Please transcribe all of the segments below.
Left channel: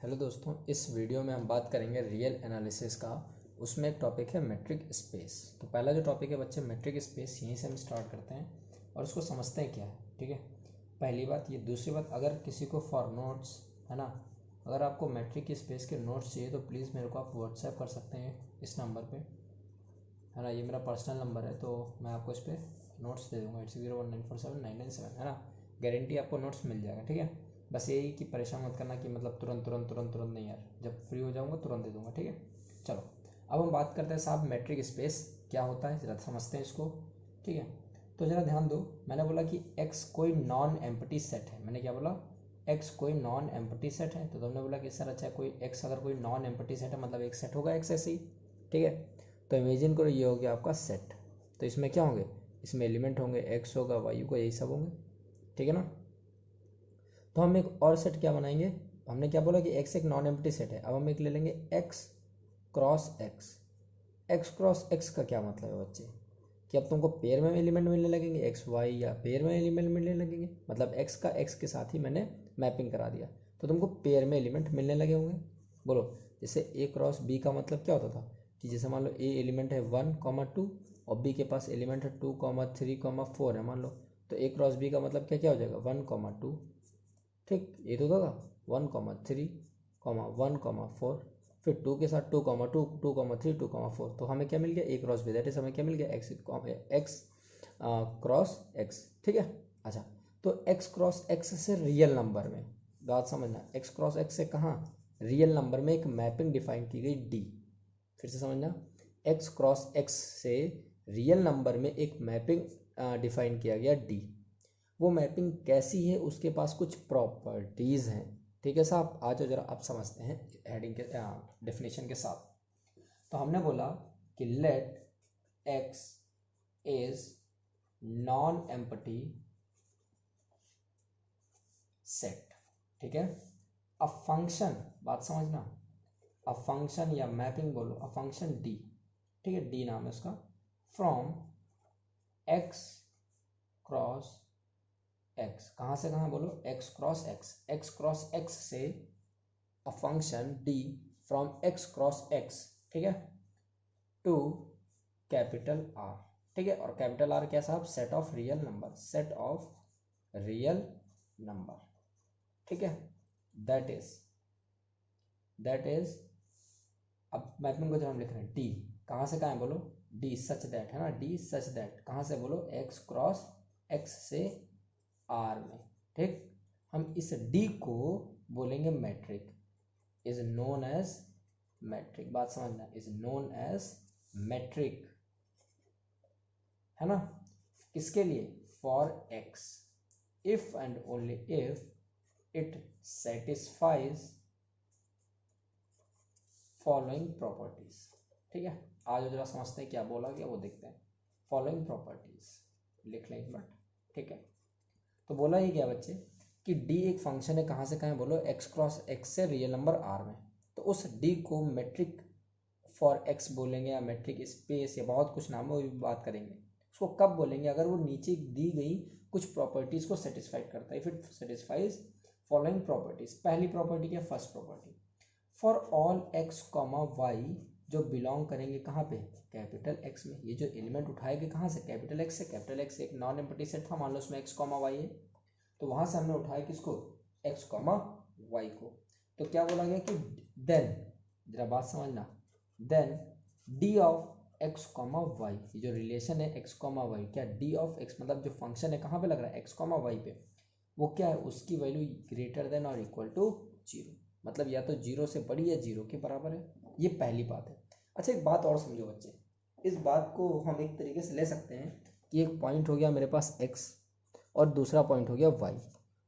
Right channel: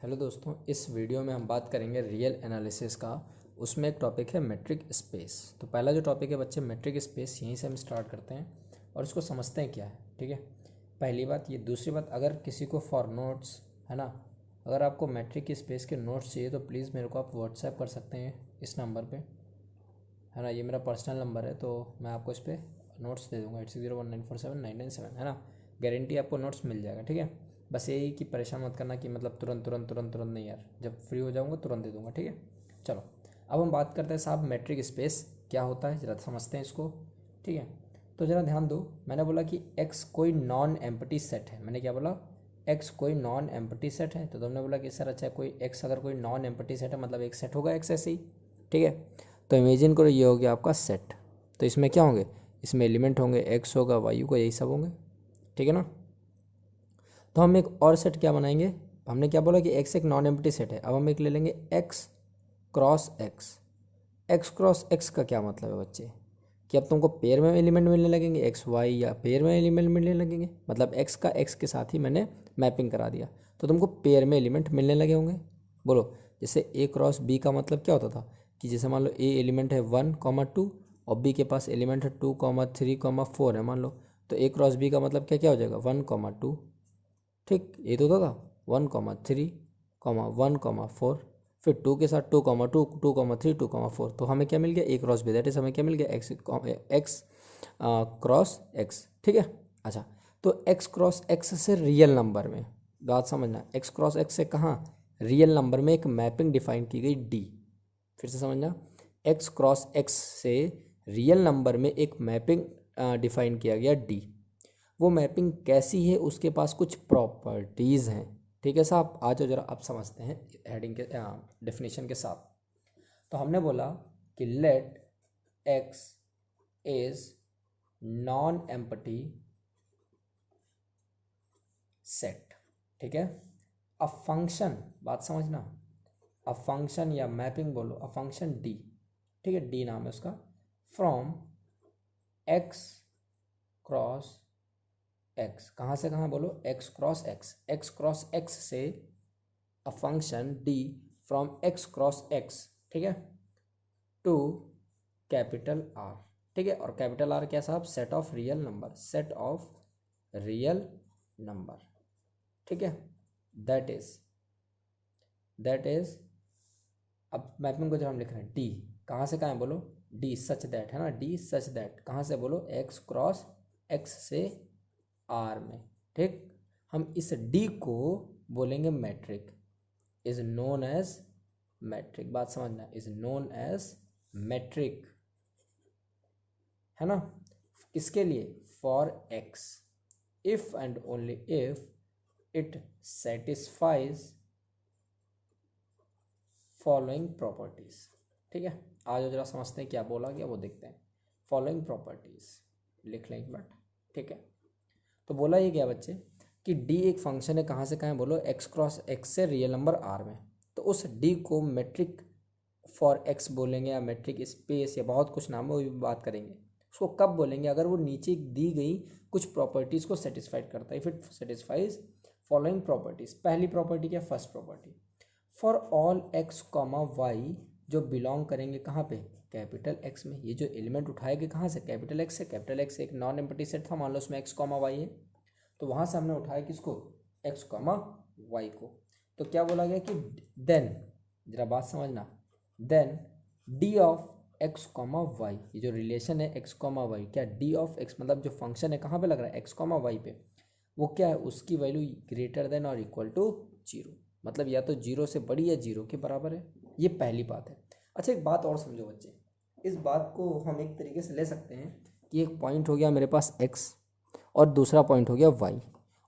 Hello दोस्तों, इस video में हम बात करेंगे रियल एनालिसिस का। उसमें एक टॉपिक है मेट्रिक स्पेस। तो पहला जो टॉपिक है बच्चे, मेट्रिक स्पेस, यहीं से हम स्टार्ट करते हैं और इसको समझते हैं क्या है। ठीक है, पहली बात ये। दूसरी बात, अगर किसी को फॉर नोट्स है ना, अगर आपको मेट्रिक स्पेस के नोट्स चाहिए तो प्लीज़ मेरे को आप व्हाट्सएप कर सकते हैं इस नंबर पर, है ना। ये मेरा पर्सनल नंबर है, तो मैं आपको इस पर नोट्स दे दूँगा। 8601947997, है ना। गारंटी आपको नोट्स मिल जाएगा। ठीक है, बस यही कि परेशान मत करना कि मतलब तुरंत तुरंत तुरंत तुरंत नहीं यार, जब फ्री हो जाऊँगा तुरंत दे दूँगा। ठीक है, चलो अब हम बात करते हैं साहब मेट्रिक स्पेस क्या होता है, ज़रा समझते हैं इसको। ठीक है, तो ज़रा ध्यान दो। मैंने बोला कि एक्स कोई नॉन एम्प्टी सेट है। मैंने क्या बोला? एक्स कोई नॉन एम्प्टी सेट है। तो तुमने बोला कि सर अच्छा, कोई एक्स अगर कोई नॉन एम्प्टी सेट है मतलब एक सेट होगा एक्स ऐसे ही। ठीक है, तो इमेजिन करो ये हो गया आपका सेट। तो इसमें क्या होंगे? इसमें एलिमेंट होंगे, एक्स होगा, वाई होगा, यही सब होंगे। ठीक है ना। तो हम एक और सेट क्या बनाएंगे? हमने क्या बोला कि एक्स एक नॉन एम्प्टी सेट है। अब हम एक ले लेंगे x cross X. X cross x का क्या मतलब है बच्चे? कि अब तुमको पेयर में एलिमेंट मिलने लगेंगे, एक्स वाई, या पेयर में एलिमेंट मिलने लगेंगे। मतलब एक्स का एक्स के साथ ही मैंने मैपिंग करा दिया, तो तुमको पेयर में एलिमेंट मिलने लगे होंगे। बोलो, जैसे ए क्रॉस बी का मतलब क्या होता था कि जैसे मान लो ए एलिमेंट है 1,2 और बी के पास एलिमेंट है 2,3,4 है मान लो, तो ए क्रॉस बी का मतलब क्या क्या हो जाएगा? 1,2। ठीक, ये तो होगा 1,3,1,4, फिर 2 के साथ 2,2, 2,3, 2,4। तो हमें क्या मिल गया? ए क्रॉस बी, दैट इज हमें क्या मिल गया? X X cross X. ठीक है, अच्छा। तो एक्स क्रॉस एक्स से रियल नंबर में, बात समझना, एक्स क्रॉस एक्स से कहाँ? रियल नंबर में एक मैपिंग डिफाइन की गई डी। फिर से समझना, एक्स क्रॉस एक्स से रियल नंबर में एक मैपिंग डिफाइन किया गया डी। वो मैपिंग कैसी है? उसके पास कुछ प्रॉपर्टीज़ हैं। ठीक है साहब, आ जाओ जरा आप समझते हैं हेडिंग के डेफिनेशन के साथ। तो हमने बोला कि let X is non empty set. ठीक है, अ फंक्शन, बात समझना, अ फंक्शन या मैपिंग बोलो, अ फंक्शन डी। ठीक है, डी नाम है उसका। फ्रॉम एक्स क्रॉस एक्स, कहाँ से कहाँ बोलो? X cross X. X cross X से a function D from X cross X, ठीक है, टू कैपिटल आर। ठीक है, और कैपिटल आर क्या साहब? Set of real number, set of real number. ठीक है, दैट इज अब मैपिंग को जब हम लिख रहे हैं डी, कहाँ से कहाँ है बोलो? डी सच दैट, है ना, डी सच दैट कहाँ से बोलो? एक्स क्रॉस एक्स से आर में। ठीक, हम इस डी को बोलेंगे metric, is known as metric. बात समझना, इज नोन एज मैट्रिक, है ना। किसके लिए? For x, if and only if it satisfies following properties. ठीक है, आज जरा समझते हैं क्या बोला गया, वो देखते हैं। फॉलोइंग प्रॉपर्टीज लिख लें एक मिनट। ठीक है, तो बोला ये क्या बच्चे कि डी एक फंक्शन है, कहाँ से कहाँ बोलो? एक्स क्रॉस एक्स से रियल नंबर आर में। तो उस डी को मैट्रिक फॉर एक्स बोलेंगे, या मैट्रिक स्पेस, या बहुत कुछ नाम है, वो भी बात करेंगे। उसको कब बोलेंगे? अगर वो नीचे दी गई कुछ प्रॉपर्टीज़ को सेटिस्फाइड करता है। If it satisfies following properties. पहली प्रॉपर्टी क्या? First property, for all X comma Y जो बिलोंग करेंगे कहाँ पे? कैपिटल एक्स में। ये जो एलिमेंट उठाएंगे कहाँ से? कैपिटल एक्स से। कैपिटल एक्स एक नॉन एम्प्टी सेट था, मान लो उसमें एक्स कॉमा वाई है, तो वहाँ से हमने उठाया किसको? एक्स कॉमा वाई को। तो क्या बोला गया कि देन, जरा बात समझना, then D of X comma Y, ये जो रिलेशन है एक्स कॉमा वाई, क्या डी ऑफ एक्स मतलब जो फंक्शन है कहाँ पे लग रहा है? एक्स कॉमा वाई पे, वो क्या है? उसकी वैल्यू ग्रेटर देन और इक्वल टू जीरो, मतलब या तो जीरो से बड़ी या जीरो के बराबर है। ये पहली बात है। अच्छा, एक बात और समझो बच्चे, इस बात को हम एक तरीके से ले सकते हैं कि एक पॉइंट हो गया मेरे पास एक्स और दूसरा पॉइंट हो गया वाई,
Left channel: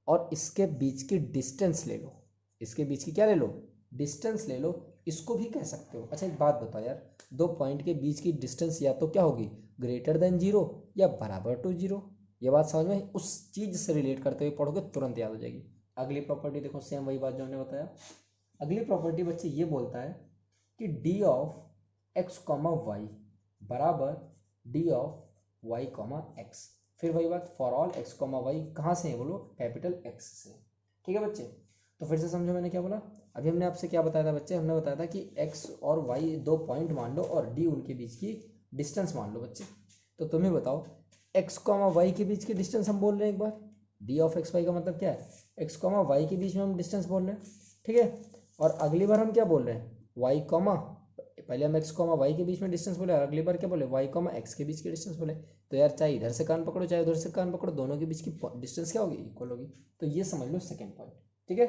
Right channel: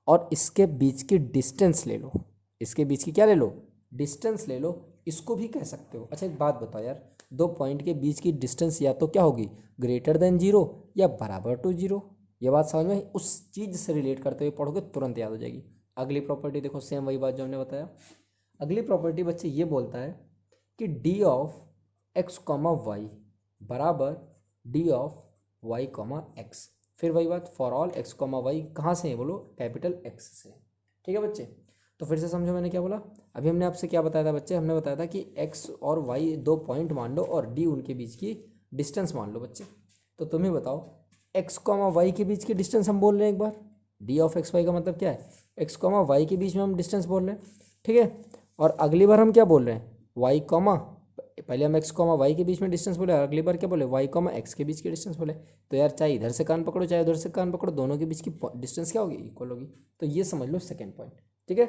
और इसके बीच की डिस्टेंस ले लो। इसके बीच की क्या ले लो? डिस्टेंस ले लो, इसको भी कह सकते हो। अच्छा, एक बात बताओ यार, दो पॉइंट के बीच की डिस्टेंस या तो क्या होगी? ग्रेटर देन जीरो या बराबर टू जीरो। ये बात समझ में? उस चीज़ से रिलेट करते हुए पढ़ोगे तुरंत याद हो जाएगी। अगली प्रॉपर्टी देखो, सेम वही बात जो हमने बताया। अगली प्रॉपर्टी बच्चे ये बोलता है कि D of X comma Y बराबर D of Y comma X. फिर वही बात, for all X comma Y कहाँ से है बोलो? कैपिटल एक्स से। ठीक है बच्चे, तो फिर से समझो मैंने क्या बोला। अभी हमने आपसे क्या बताया था बच्चे, हमने बताया था कि एक्स और वाई दो पॉइंट मान लो और डी उनके बीच की डिस्टेंस मान लो बच्चे। तो तुम्हें बताओ एक्स कॉमा वाई के बीच की डिस्टेंस हम बोल रहे हैं एक बार, डी ऑफ एक्स वाई का मतलब क्या है, एक्स कॉमा वाई के बीच में हम डिस्टेंस बोल रहे हैं, ठीक है। और अगली बार हम क्या बोल रहे हैं, वाई कॉमा, पहले हम एक्स कॉमा वाई के बीच में डिस्टेंस बोले, अगली बार क्या बोले, वाई कॉमा एक्स के बीच की डिस्टेंस बोले। तो यार चाहे इधर से कान पकड़ो चाहे उधर से कान पकड़ो, दोनों के बीच की डिस्टेंस क्या होगी, इक्वल होगी। तो ये समझ लो सेकेंड पॉइंट, ठीक है।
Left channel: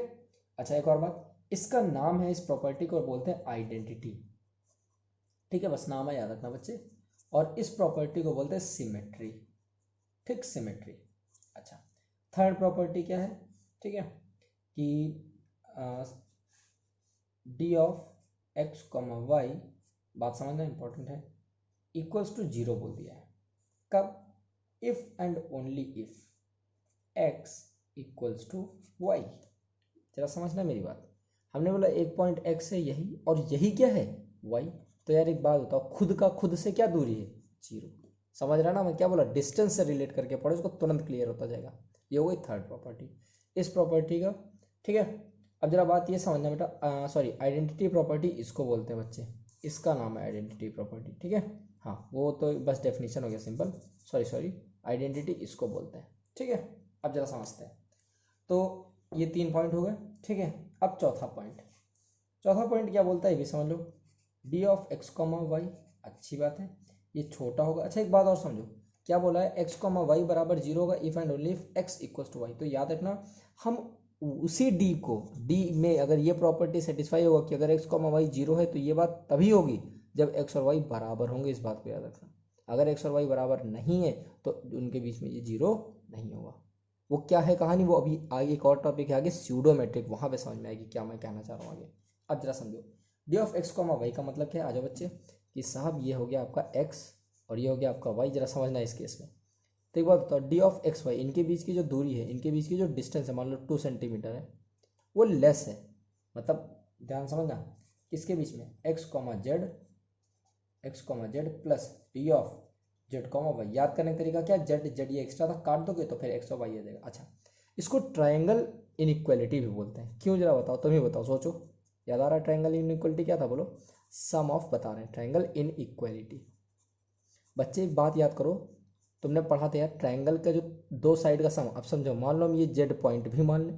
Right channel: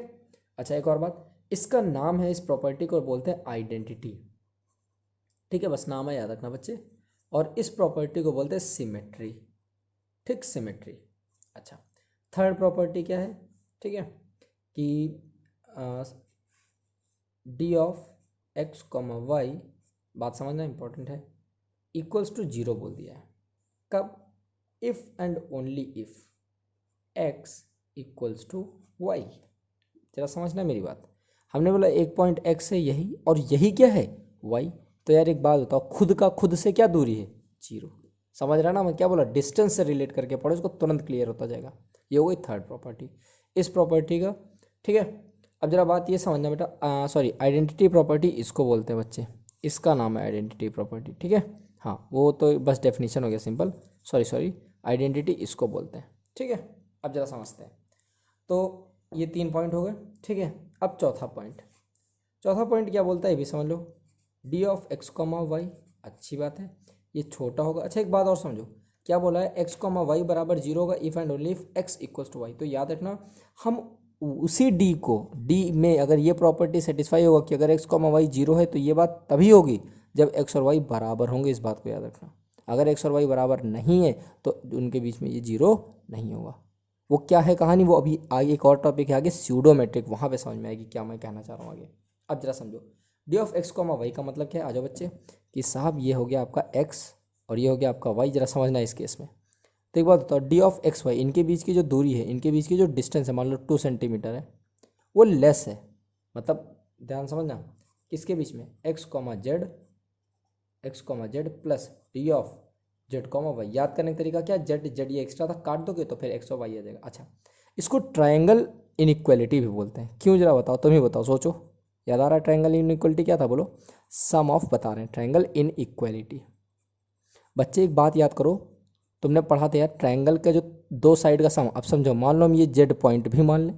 अच्छा एक और बात, इसका नाम है, इस प्रॉपर्टी को बोलते हैं आइडेंटिटी, ठीक है, बस नाम है याद रखना बच्चे। और इस प्रॉपर्टी को बोलते हैं सिमेट्री, ठीक, सिमेट्री। अच्छा थर्ड प्रॉपर्टी क्या है, ठीक है, कि D of X comma Y, बात समझना इंपॉर्टेंट है, इक्वल्स टू जीरो बोल दिया है। कब, if and only if X equals to Y. जरा समझना मेरी बात, हमने बोला एक पॉइंट एक्स है यही, और यही क्या है, वाई। तो यार एक बात बताओ, खुद का खुद से क्या दूरी है, जीरो। समझ रहा ना मैं क्या बोला, डिस्टेंस से रिलेट करके पढ़ो, इसको तुरंत क्लियर होता जाएगा। ये हो गई थर्ड प्रॉपर्टी इस प्रॉपर्टी का, ठीक है। अब जरा बात ये समझना बेटा, सॉरी आइडेंटिटी प्रॉपर्टी इसको बोलते हैं बच्चे, इसका नाम है आइडेंटिटी प्रॉपर्टी, ठीक है। हाँ वो तो बस डेफिनेशन हो गया सिंपल, सॉरी आइडेंटिटी इसको बोलते हैं, ठीक है। अब जरा समझते हैं, तो ये 3 पॉइंट हो गए, ठीक है। अब चौथा पॉइंट, चौथा पॉइंट क्या बोलता है ये भी समझ लो, D of X comma Y, अच्छी बात है, ये छोटा होगा। अच्छा एक बात और समझो, क्या बोला है, एक्स कॉमा वाई बराबर जीरो होगा if and only if X equals to Y. तो याद रखना, हम उसी डी को, डी में अगर ये प्रॉपर्टी सेटिस्फाई होगा कि अगर एक्स कॉमा वाई जीरो है, तो ये बात तभी होगी जब एक्स और वाई बराबर होंगे, इस बात को याद रखना। अगर एक्स और वाई बराबर नहीं है तो उनके बीच में ये जीरो नहीं होगा। वो क्या है कहानी, वो अभी आगे एक और टॉपिक है आगे, स्यूडोमेट्रिक, वहाँ पे समझ में आएगी क्या मैं कहना चाह रहा हूँ आगे। अब जरा समझो, D of X comma Y का मतलब क्या है, आ जाओ बच्चे, कि साहब ये हो गया आपका एक्स और ये हो गया आपका वाई। जरा समझना इस केस में, तो एक बात बताओ, डी ऑफ एक्स वाई, इनके बीच की जो दूरी है, इनके बीच की जो डिस्टेंस है, मान लो 2 सेंटीमीटर है, वो लेस है, मतलब ध्यान समझना, किसके बीच में, X comma Z, X comma Z plus D of Z comma Y. याद करने का तरीका क्या, जेड जेड ये एक्स्ट्रा था, काट दोगे तो फिर एक्स और वाई आ जाएगा। अच्छा इसको ट्रायंगल इनइक्वालिटी भी बोलते हैं, क्यों जरा बताओ, तुम ही बताओ, सोचो, याद आ रहा है ट्रायंगल इनइक्वालिटी क्या था, बोलो, सम ऑफ बता रहे हैं, ट्रायंगल इनइक्वालिटी। बच्चे एक बात याद करो, तुमने पढ़ा था यार ट्रायंगल का जो दो साइड का सम, अब समझो मान लो हम ये जेड पॉइंट भी मान लें,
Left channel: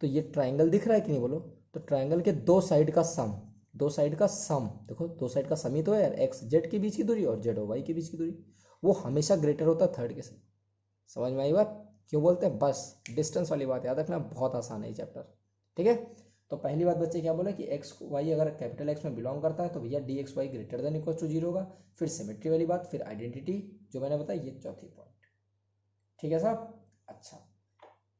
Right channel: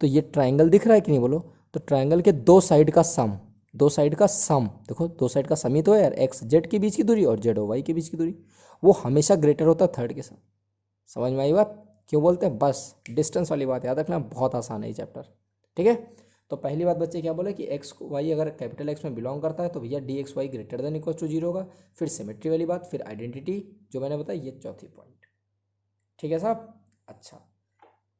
तो ये ट्रायंगल दिख रहा है कि नहीं, बोलो। तो ट्रायंगल के दो साइड का सम, दो साइड का सम, देखो दो साइड का सम ही तो है यार, एक्स जेड के बीच की दूरी और जेड और वाई के बीच की दूरी, वो हमेशा ग्रेटर होता है थर्ड के साथ। समझ में आई बात, क्यों बोलते हैं, बस डिस्टेंस वाली बात याद रखना, बहुत आसान है ये चैप्टर, ठीक है। तो पहली बात बच्चे क्या बोले कि एक्स वाई अगर कैपिटल एक्स में बिलोंग करता है तो भैया D X Y greater than equal to zero होगा। फिर सिमेट्री वाली बात, फिर आइडेंटिटी जो मैंने बताया, ये चौथी पॉइंट, ठीक है साहब। अच्छा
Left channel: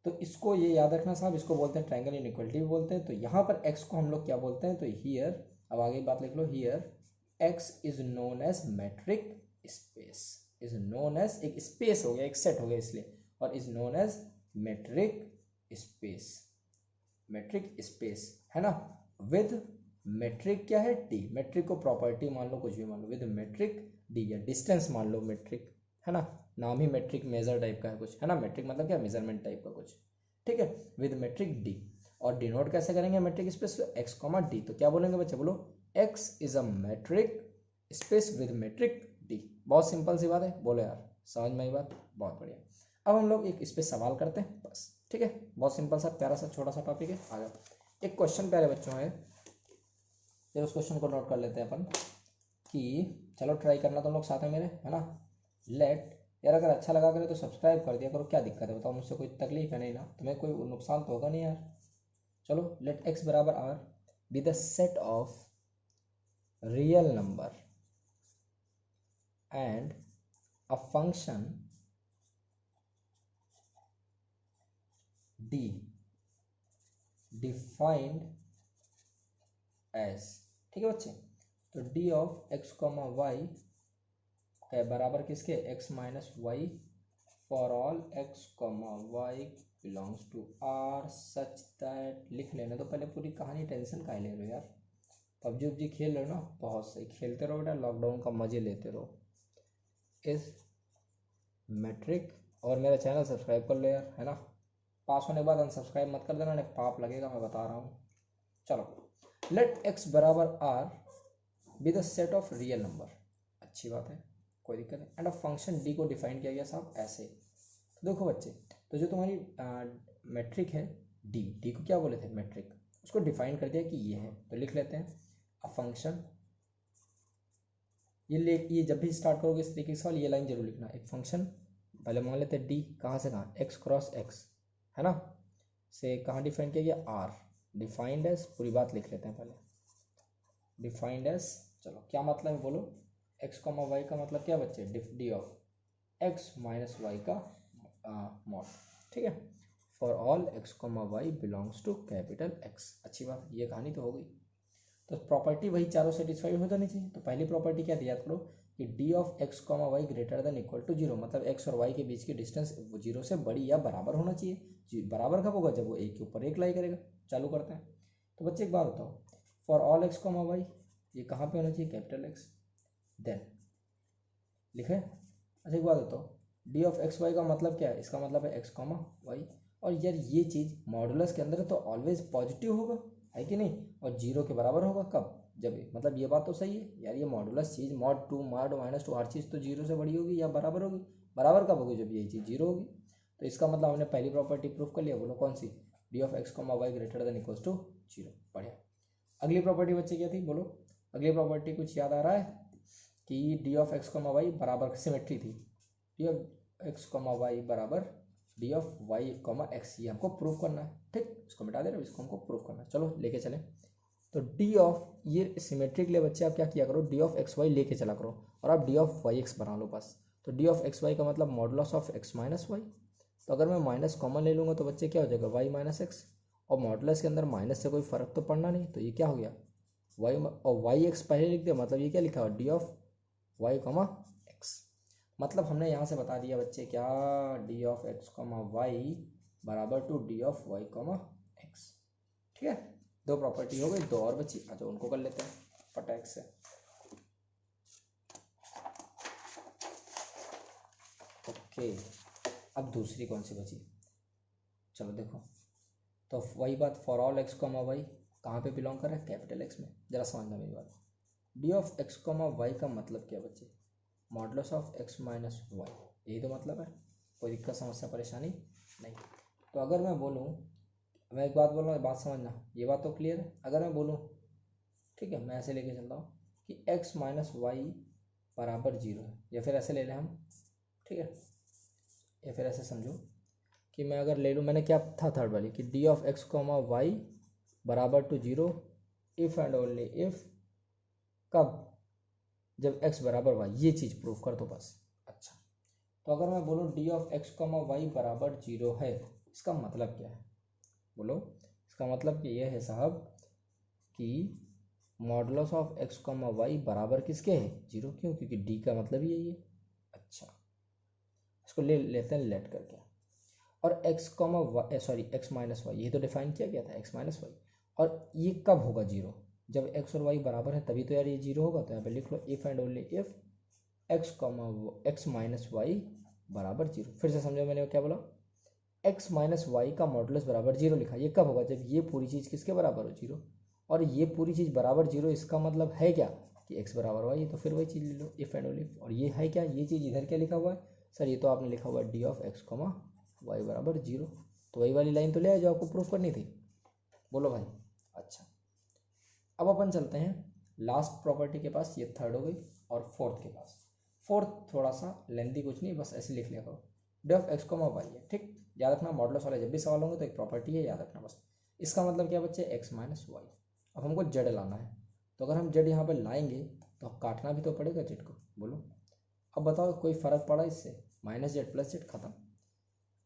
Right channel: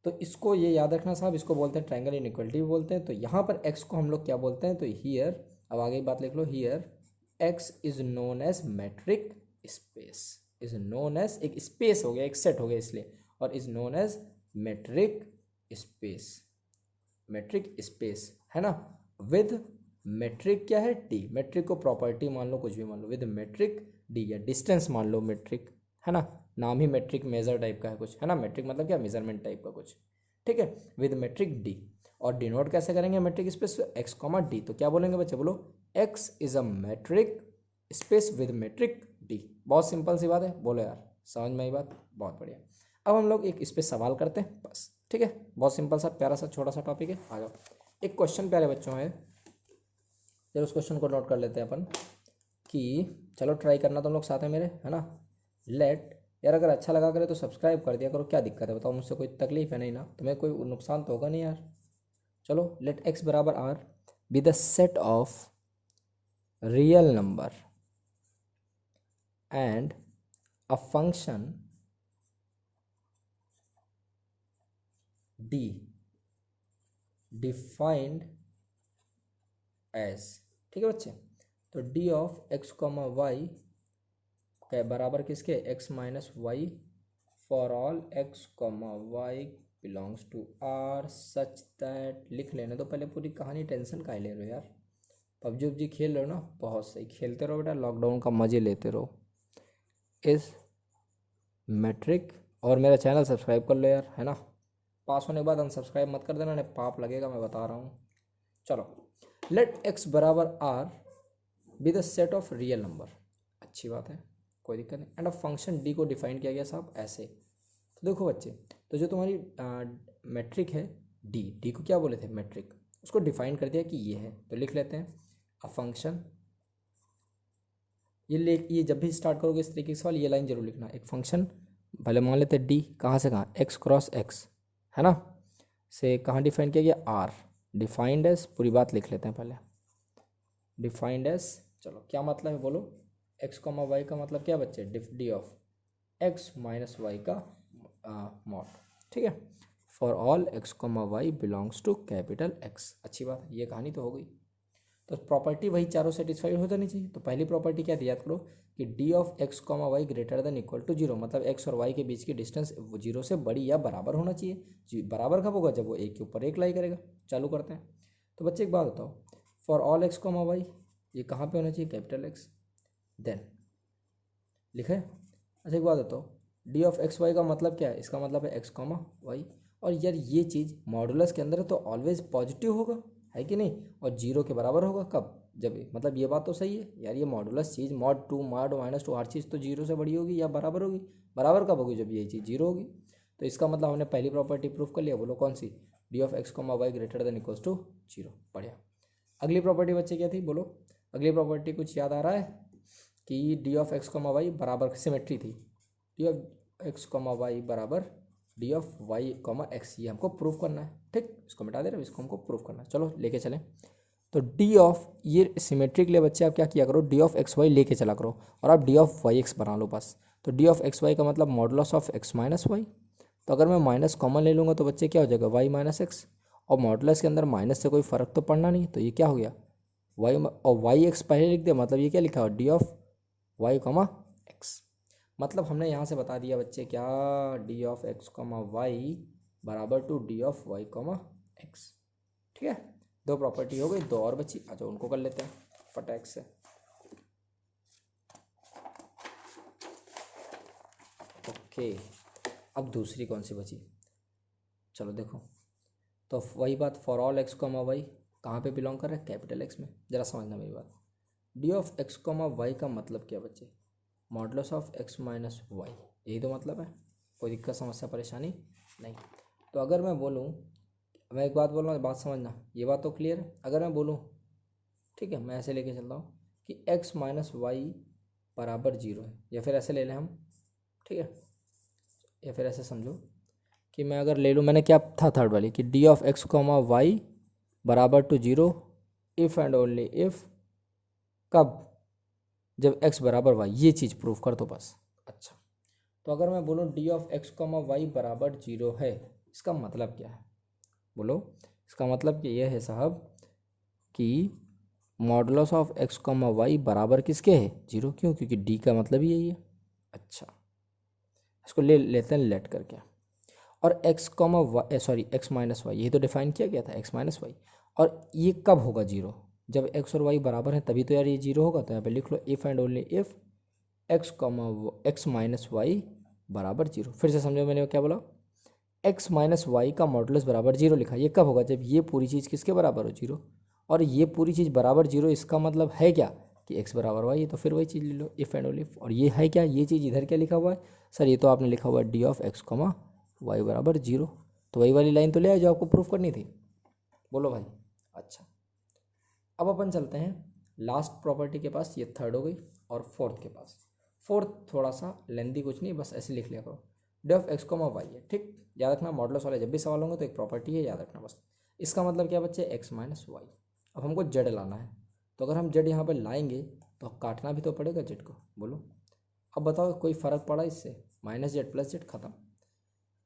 तो इसको ये याद रखना साहब, इसको बोलते हैं ट्रायंगल इनइक्वालिटी भी बोलते हैं। तो यहाँ पर एक्स को हम लोग क्या बोलते हैं, तो हियर, अब आगे बात लिख लो, here X is known as metric space, is known as, एक स्पेस हो गया, एक सेट हो गया इसलिए, और is known as metric space, metric space है ना, विद मेट्रिक क्या है, डी, मेट्रिक को प्रॉपर्टी मान लो, कुछ भी मान लो, विद मेट्रिक डी, या डिस्टेंस मान लो मेट्रिक, है ना, नाम ही मेट्रिक मेजर टाइप का है कुछ, है ना, मेट्रिक मतलब क्या, मेजरमेंट टाइप का कुछ, ठीक है, विद मेट्रिक डी। और डिनोट कैसे करेंगे metric space, X comma D. तो क्या बोलेंगे बच्चे, बोलो X is a metric space with metric D. बहुत सिंपल सी बात है, बोलो यार समझ में आई बात, बहुत बढ़िया। अब हम लोग एक इस पर सवाल करते हैं बस, ठीक है, बहुत सिंपल सा प्यारा सा छोटा सा टॉपिक है। आ जाओ, एक क्वेश्चन प्यारे बच्चों है, चलो उस क्वेश्चन को नोट कर लेते हैं अपन, कि चलो ट्राई करना तुम लोग साथ में मेरे, है ना। लेट, यार अगर अच्छा लगा करे तो सब्सक्राइब कर दिया करो, क्या दिक्कत है बताओ, मुझसे कोई तकलीफ है नहीं ना, तुम्हें कोई नुकसान तो होगा नहीं यार। चलो, लेट एक्स बराबर R be the set of real number and a function D defined as, ठीक है बच्चे। तो D of X comma Y क्या बराबर किसके, X minus Y for all X comma Y belongs to R such that, लिख लेने तो पहले पूरी कहानी, टेंशन काहे ले रहे हो यार, पबजी उबजी खेल रहे हो ना, बहुत सही, खेलते रहो बेटा, लॉकडाउन का मजे लेते रहो, इस मैट्रिक, और मेरा चैनल सब्सक्राइब कर लो यार, है ना, पास होने के बाद अनसब्सक्राइब मत कर देना, नहीं पाप लगेगा, मैं बता रहा हूँ। चलो, लेट x बराबर r B the set of real number, अच्छी बात है, कोई दिक्कत नहीं। एंड अब फंक्शन d को डिफाइन किया गया साहब ऐसे। तो देखो बच्चे, तो जो तुम्हारी मैट्रिक है d को क्या बोले थे मैट्रिक, उसको डिफाइन कर दिया कि ये है, तो लिख लेते हैं अ फंक्शन, ये जब भी स्टार्ट करोगे इस तरीके के सवाल ये लाइन जरूर लिखना, एक फंक्शन भले मान लेते हैं डी, कहाँ से कहाँ, x क्रॉस x है ना, से कहाँ डिफाइन किया गया, r, डिफाइंड एज, पूरी बात लिख लेते हैं पहले, डिफाइंड एज, चलो क्या मतलब है बोलो, x कॉमा वाई का मतलब क्या बच्चे, D of x minus Y का मॉड, ठीक है, for all x comma Y belongs to capital X, अच्छी बात, ये कहानी तो हो गई। तो प्रॉपर्टी वही चारों सेटिस्फाइड हो जानी चाहिए। तो पहली प्रॉपर्टी क्या थी याद करो कि D of X comma Y greater than equal to zero, मतलब एक्स और वाई के बीच की डिस्टेंस जीरो से बड़ी या बराबर होना चाहिए। बराबर कब होगा, जब वो एक के ऊपर एक लाई करेगा। चालू करते हैं। तो बच्चे एक बात बताओ, for all X comma Y ये कहाँ पे होना चाहिए, कैपिटल एक्स, देन लिखे। अच्छा एक बात बताओ, डी ऑफ एक्स वाई का मतलब क्या है, इसका मतलब है एक्स कॉमा वाई, और यार ये चीज़ मॉडुलस के अंदर है तो ऑलवेज पॉजिटिव होगा, है कि नहीं, और जीरो के बराबर होगा कब, जब, मतलब ये बात तो सही है यार, ये मॉडुलस चीज़ mod two mod minus two हर चीज़ तो जीरो से बड़ी होगी या बराबर होगी, बराबर कब होगी, जब ये चीज़ जीरो होगी। तो इसका मतलब हमने पहली प्रॉपर्टी प्रूफ कर लिया, बोलो कौन सी, D of X comma Y greater than equals to zero, बढ़िया। अगली प्रॉपर्टी बच्चे क्या थी बोलो, अगली प्रॉपर्टी कुछ याद आ रहा है कि D of X comma Y बराबर सिमेट्री थी, D of X comma Y बराबर D of Y comma X, ये हमको प्रूफ करना है, ठीक, इसको मिटा दे रहे, इसको हमको प्रूफ करना है, चलो लेके चलें। तो डी ऑफ, ये सिमेट्रिक ले बच्चे, आप क्या किया करो, डी ऑफ एक्स वाई लेके चला करो और आप डी ऑफ वाई एक्स बना लो बस। तो डी ऑफ एक्स वाई का मतलब modulus of X minus Y, तो अगर मैं माइनस कॉमन ले लूँगा तो बच्चे क्या हो जाएगा, वाई माइनस एक्स, और मॉडुलस के अंदर माइनस से कोई फ़र्क तो पड़ना नहीं, तो ये क्या हो गया, वाई, और वाई एक्स पहले लिख दे, मतलब ये क्या लिखा हो, D of Y comma X. मतलब हमने यहाँ से बता दिया बच्चे क्या, D of X comma Y बराबर to D of Y comma X, ठीक है। दो प्रॉपर्टी हो गई, दो और बची, अच्छा उनको कर लेते हैं फटाक से। ओके, अब दूसरी कौन सी बची, चलो देखो, तो वही बात, for all X comma Y कहाँ पे बिलोंग कर रहा है, कैपिटल एक्स में, जरा समझना मेरी बात। D of X comma Y का मतलब क्या बच्चे, modulus of X minus Y, यही तो मतलब है, कोई दिक्कत समस्या परेशानी नहीं। तो अगर मैं बोलूँ, मैं एक बात बोल रहा हूँ, बात समझना, ये बात तो क्लियर है। अगर मैं बोलूँ, ठीक है, मैं ऐसे लेके चलता हूँ कि एक्स माइनस वाई बराबर जीरो है, या फिर ऐसे ले लें हम, ठीक है, या फिर ऐसे समझो कि मैं अगर ले लूँ, मैंने क्या था थर्ड वाली, कि D of X comma Y बराबर to zero if and only if, कब, जब x बराबर y, ये चीज़ प्रूफ कर दो बस। अच्छा, तो अगर मैं बोलूँ D of X comma Y बराबर जीरो है, इसका मतलब क्या है बोलो, इसका मतलब कि यह है साहब कि modulus of X comma Y बराबर किसके है, जीरो, क्यों, क्योंकि डी का मतलब ही यही है। अच्छा, इसको ले लेते हैं लेट करके, और X comma Y, sorry X minus Y, यही तो डिफाइन किया गया था, एक्स माइनस वाई, और ये कब होगा जीरो, जब एक्स और वाई बराबर है तभी तो यार ये जीरो होगा। तो यहाँ पे लिख लो if and only if X comma X minus Y बराबर जीरो। फिर से समझो मैंने क्या बोला, एक्स माइनस वाई का मॉडुलस बराबर जीरो लिखा, ये कब होगा, जब ये पूरी चीज़ किसके बराबर हो, जीरो, और ये पूरी चीज़ बराबर जीरो, इसका मतलब है क्या कि एक्स बराबर वाई, तो फिर वही चीज़ ले लो इफ़ एंड ओनली इफ, और ये है क्या, ये चीज़ इधर क्या लिखा हुआ है सर, ये तो आपने लिखा हुआ है D of X comma Y बराबर जीरो, तो वही वाली लाइन तो ले आए जो आपको प्रूफ करनी थी, बोलो भाई। अच्छा, अब अपन चलते हैं लास्ट प्रॉपर्टी के पास, ये थर्ड हो गई, और फोर्थ के पास। फोर्थ थोड़ा सा लेंदी, कुछ नहीं, बस ऐसे लिख लिया करो, D of X comma Y है, ठीक, याद रखना मॉडुलस वाले जब भी सवाल होंगे तो एक प्रॉपर्टी है, याद रखना बस। इसका मतलब क्या बच्चे, एक्स माइनस वाई। अब हमको जेड लाना है, तो अगर हम जेड यहाँ पे लाएंगे तो काटना भी तो पड़ेगा जेड को, बोलो। अब बताओ कोई फ़र्क पड़ा इससे, माइनस जेड प्लस जेड खत्म।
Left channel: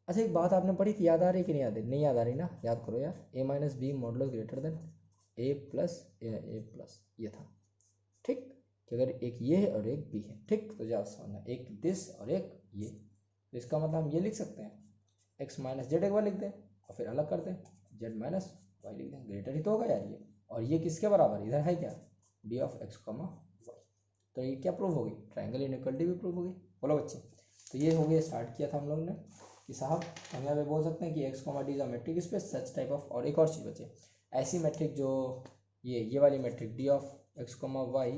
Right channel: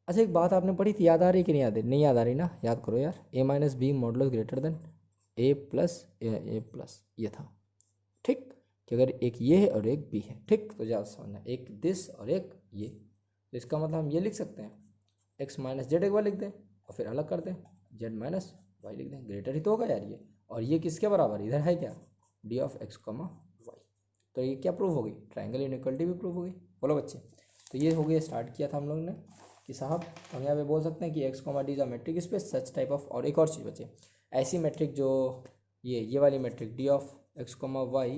अच्छा एक बात आपने पढ़ी थी, याद आ रही कि नहीं याद है, नहीं याद आ रही ना, याद करो यार, A minus B modulus greater than A plus ये था, ठीक, कि अगर एक ये है और एक बी है, ठीक, तो ज़्यादा समझना, एक दिस और एक ये, तो इसका मतलब हम ये लिख सकते हैं, एक्स माइनस जेड एक बार लिख दें और फिर अलग कर दें, जेड माइनस वाई लिख दें, ग्रेटर ही तो होगा यार ये, और ये किसके बराबर, इधर है क्या, D of X comma Y, तो ये क्या प्रूफ होगी, ट्राइंगल इनइक्वालिटी भी प्रूफ होगी, बोलो बच्चे। तो ये हो गया, स्टार्ट किया था हम लोगों ने कि साहब हम यहाँ पे बोल सकते हैं कि x comma D is a matric space such type of, और एक और चीज़ बचे, ऐसी मैट्रिक जो ये वाली metric D of X comma Y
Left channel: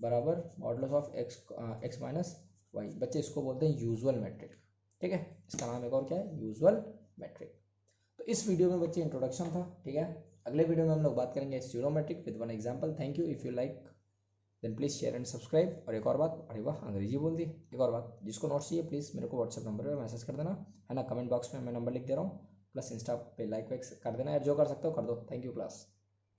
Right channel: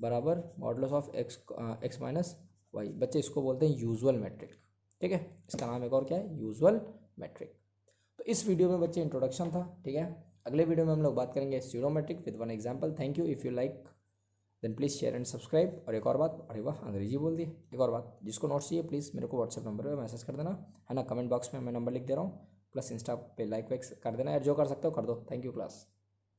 बराबर modulus of X minus Y, बच्चे इसको बोलते हैं यूजुअल मैट्रिक। ठीक है, इसका नाम एक और क्या है, यूजुअल मैट्रिक। तो इस वीडियो में बच्चे इंट्रोडक्शन था। ठीक है, अगले वीडियो में हम लोग बात करेंगे pseudo metric with one example. Thank you, if you like then please share and subscribe. और एक और बात, अरे वाह अंग्रेजी बोल दी, एक और बात, जिसको नोट्स चाहिए प्लीज़ मेरे को व्हाट्सएप नंबर पे मैसेज कर देना, है ना, कमेंट बॉक्स में मैं नंबर लिख दे रहा हूँ, प्लस इंस्टा पे लाइक वाइक कर देना, जो कर सकते हो कर दो। Thank you class.